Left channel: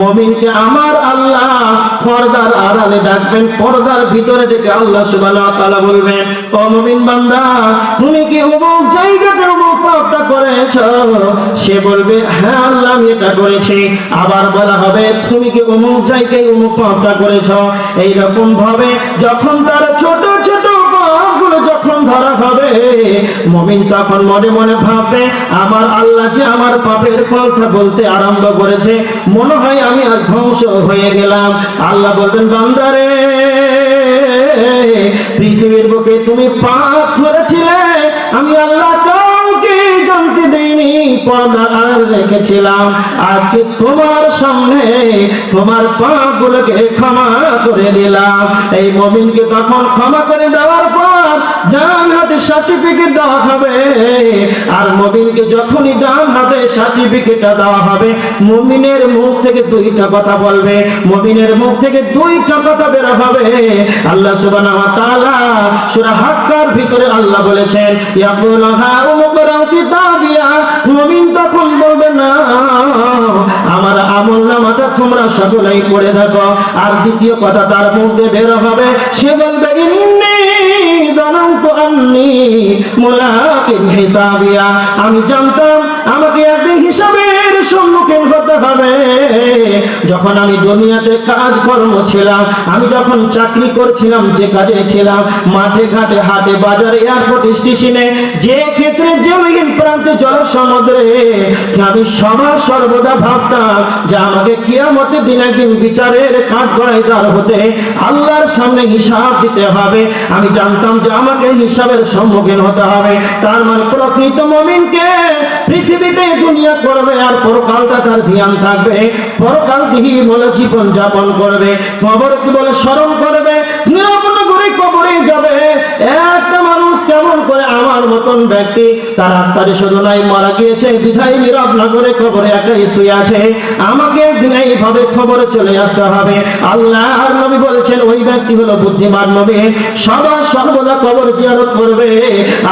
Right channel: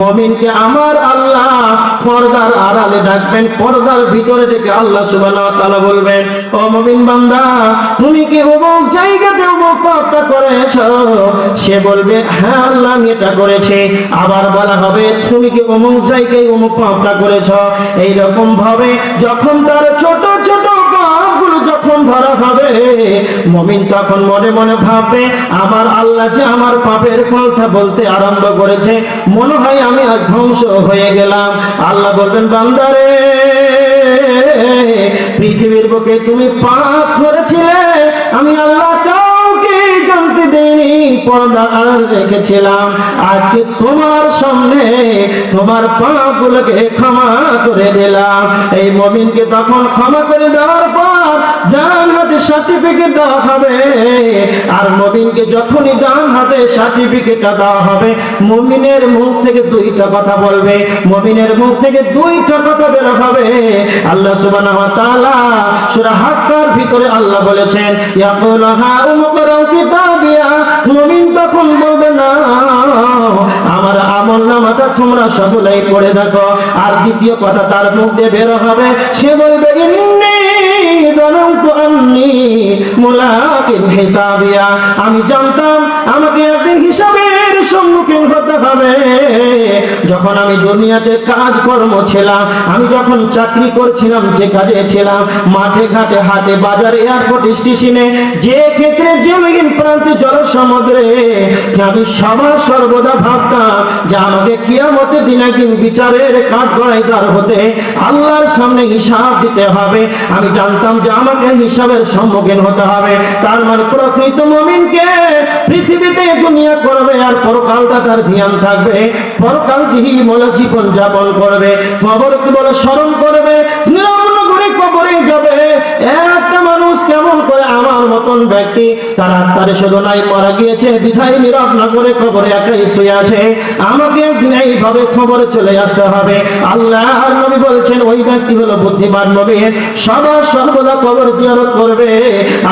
মুমিনকে আমার আল্লাহ পর্দার আড়ালে ডাকবেন, পর্দার ভিতরে থেকে আল্লাহ সুবহানাহু ওয়া তাআলা বলবেন, ও মুমিন বান্দা তুমি কি অমুক জায়গাতে অমুক পাপটা করেছো? সে বলবে হ্যাঁ আল্লাহ আমি এটা করেছি। আবার বলা হবে তুমি কি অমুক জায়গায় অমুক পাপটা করেছো? এই রকম ভাবে যখন তার ছোট ছোট পাপগুলো যখন ধরা হবে, মুমিন তখন মনে মনে ভাববে আমার আল্লাহ যে আমার পাপের কথা বলতে আরম্ভ করেছে, মনে হয় আমি আজ ধ্বংস হয়ে গেলাম। আল্লাহ বলবেন বান্দারে পৃথিবীর বুকে তুমি পাপ করেছিলে, আমি আল্লাহ কাউকে জানতে দেইনি, পর্দা আড়ালে রেখেছিলাম। আজকে তোমার সামনে তোমার পাপগুলোকে ক্ষমা করে দিলাম। এই মুমিনকে তখন ক্ষমা করে দেওয়ার পর ডান হাতে সার্টিফিকেট দেওয়া হবে। আর মুমিনকে যখনই ডান হাতে সার্টিফিকেটটা দেওয়া হবে, মুমিনের মুখ থেকে দুইটা কথা বলবে, মুমিনের মুখ থেকে দুইটা কথা বের হবে। আল্লাহ সুবহানাহু ওয়া তাআলা সূরা হাক্কার ভিতরে আল্লাহ বলেছেন ইয়াকুলু হা উমকরা কিতাবিয়া, মুমিন তখন বলবে না আমার আমলনামাটা তোমরা সকলেই পড়ে দেখো। আর দ্বিতীয় কথা তার মুখ দিয়ে বের হবে, সে বলবে ইন্নী যানানতু আন্নী মুলাকিন হিসাবিয়া, আমি জানতাম আমাকে একদিন হিসাবের সম্মুখীন হতে হবে। যখন আমি দুনিয়াতে কাজকর্ম ছিলাম, আমি যখন চাকরি করছিলাম, যে কাজে ছিলাম, মাঠে ঘাটে হাটে বাজারে এয়ারপোর্ট স্টেশনে, যে ক্ষেত্রে জমিন প্রান্তে জলসমুদ্রে, আমি সর্বদা ভাবতাম যে আমাকে কিয়ামতের দিন একদিন বিচারের কাঠগড়ায় হতে আল্লাহর সামনে হিসাব দিতে হবে। আমি জানতাম যে আমাকে হিসাবের সম্মুখীন হতে হবে। তার মানে প্রকৃত মুমিনকে পৃথিবীতে দুনিয়া করবে আর পরকালটা তার ধ্যান থাকবে, পরকাল দিহি বলে জীবন যাপন করবে, কবরকে বলে স্মরণ করবে, নিরাপদ করে কবরে যাবে। একটা মানুষ কেমন করে আমার মতন ব্যক্তি তার আত্মারে শুধু নাই মারা গিয়েছে বিধায় নীরব না করে কবরে একাই শুয়ে আছে, আমাকে একদিন এইভাবে খবরে চলে আসতে হবে। আল্লাহর নবী বলছেন ওই ব্যক্তি হলো বুদ্ধিমান মুমিন, সর্বদা কবর জিয়ারত করবে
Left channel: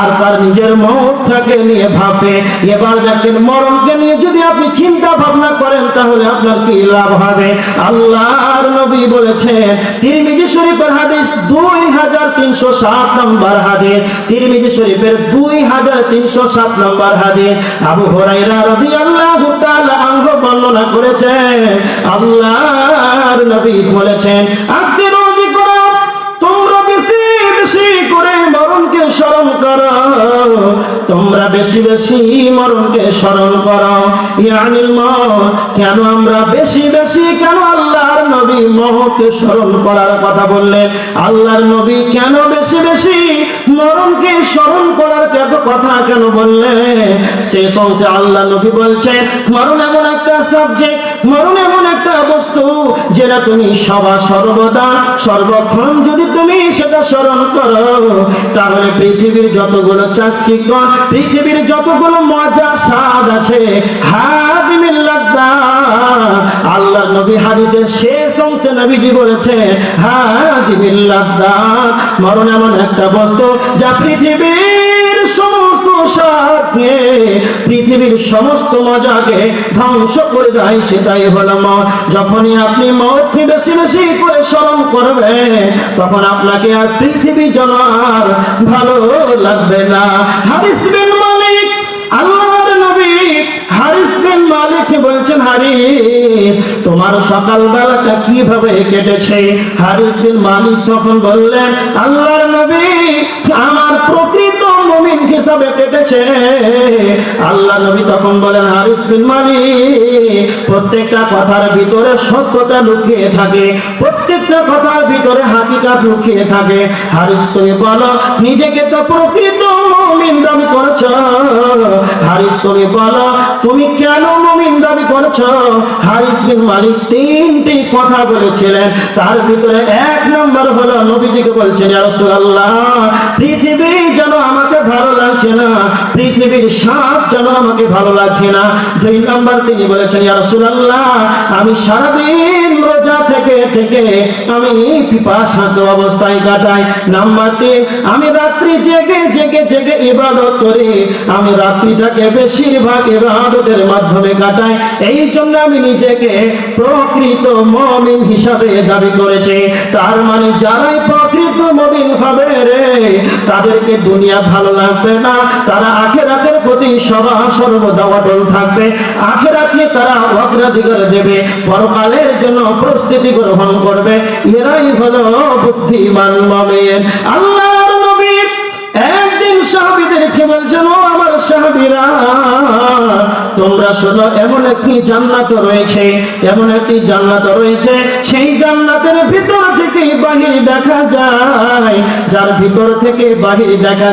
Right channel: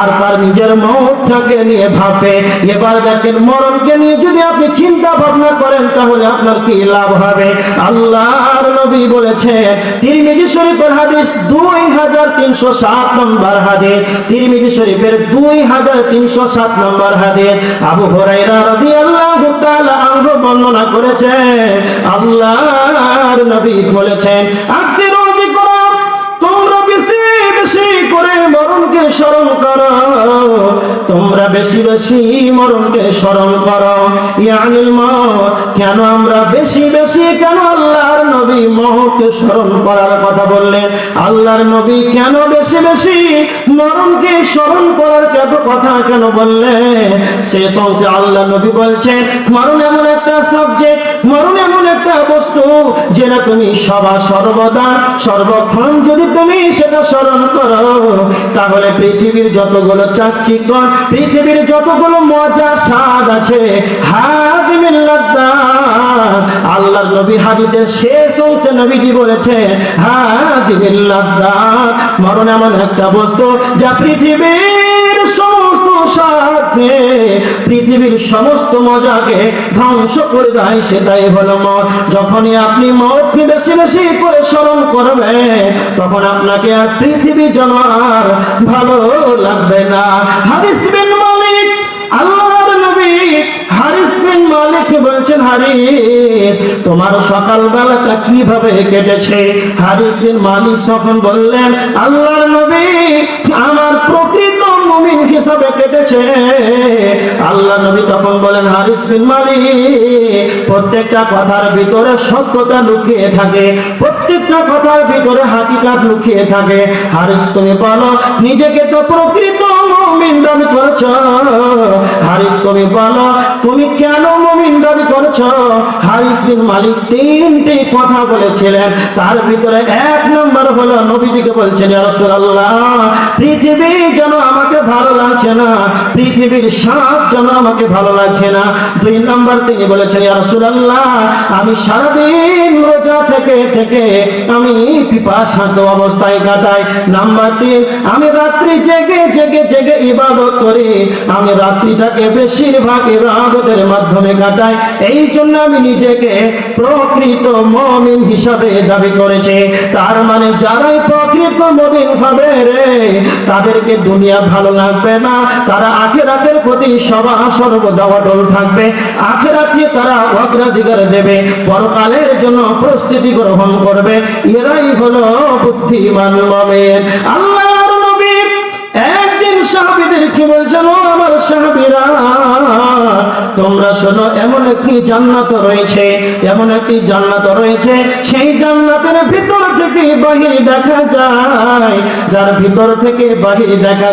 আর তার নিজের মওতটাকে নিয়ে ভাববে। এবার দেখেন মরণকে নিয়ে যদি আপনি চিন্তা ভাবনা করেন তাহলে আপনার কি লাভ হবে? আল্লাহর নবী বলেছেন তিরমিজি শরীফের হাদিস 2307 নম্বর হাদিস, তিরমিজি শরীফের 2307 নম্বর হাদিস, আবু হুরায়রা রাদিয়াল্লাহু তাআলা আনহু বর্ণনা করেছেন আল্লাহর নবী বলেছেন আকসিরু যিকরা, তোমরা বেশি বেশি করে মরণকে স্মরণ করো, তোমরা বেশি বেশি মরণকে স্মরণ করো। ইয়ানিল মওত, কেন আমরা বেশি বেশি কেন আল্লাহর নবী মওতকে স্মরণ করার কথা বললেন? আল্লাহর নবী কেন বেশি বেশি মরণকে স্মরণ করার কথা কেন বললেন? শেষ অংশে আল্লাহ নবী বলছেন মরণ এমন একটা সাবজেক্ট, মরণ এমন একটা বস্তু যেটা তুমি সর্বদা সর্বক্ষণ যদি তুমি সেটা স্মরণ করো, তাহলে পৃথিবীর যতগুলো চাকচিক্য, পৃথিবীর যতগুলো মজা স্বাদ আছে, হাদিমিল লাযযাত, আল্লাহর নবী হাদিসের শেষ অংশে নবীজি বলেছেন হাদিমিল লাযযাত, মরণ এমন একটা বস্তু যা পৃথিবীর সমস্ত স্বাদকে, পৃথিবীর সমস্ত মজাকে ধ্বংস করে দেয়। সেটাই হলো মওত। যখনই আপনি মওতকে বেশি বেশি করে স্মরণ করবেন তখন আপনাকে আর পৃথিবী যেন আর ভালো লাগবে না। হারিস বিন মালিক, আল্লাহর নবী হারিস বিন মালিক বলছেন হারিস তোমার সকাল বেলাটা কিভাবে কেটেছে? হারিস বিন মালিক তখন বললেন আল্লাহর নবী আমার প্রকৃত মুমিন হিসাবে কেটেছে। আল্লাহ নবী তখন বলেন হারিস বিন মালিক প্রত্যেকটা কথার ভিতরে সত্যতা লুকিয়ে থাকে, প্রত্যেকটা কথার ভিতরে হাকিকাত লুকিয়ে থাকে। হারিস তুমি বলো নিজেকে তো প্রকৃত মুমিন দাবি করছো, হারিস তুমি বলো তুমি কেন মুমিন দাবি করছো? হারিস বিন মালিক তিনটি কথা বলেছিলেন, তার ভিতরে এক নম্বর হলো নবীজিকে বলছেন ইয়া রাসূলুল্লাহ পৃথিবী যেন আমাকে ভালো লাগছে না, পৃথিবীর স্বাদ যেন আমাকে ভালো লাগছে না। দুই নম্বর তিনি বলেছেন ইয়া রাসূলুল্লাহ আমি সারাদিন রোজা থেকে থেকে আমি পিপাসার্ত অবস্থায় কাটাই। নাম্বার তিন আমি রাত্রি জেগে জেগে জেগে ইবাদত করি, আমি রাত্রিটাকে বেশিরভাগ ইবাদতের মাধ্যমে কাটাই। এই জন্য আমি নিজেকে প্রকৃত মুমিন হিসাবে দাবি করেছি। তার মানে যারাই প্রকৃত মুমিন হবে রে, তাদেরকে দুনিয়া ভালো লাগবে না, তারা আখিরাতের প্রতি সর্বদা অটল থাকবে, আখিরাতে তারা অগ্রাধিকার দেবে, পরকালের জন্য প্রস্তুতি গ্রহণ করবে। এরাই হলো বুদ্ধিমান মুমিন। আল্লাহর নবী একদিন সাহাবীদেরকে বলছেন, ও আমার সাহাবীরা, তোমরা শোনো, এমন একটি জান্নাত রয়েছে, এমন একটি জান্নাত রয়েছে, সেই জান্নাতের ভিতর থেকে বাহির দেখা যায়, যার ভিতর থেকে বাহির দেখা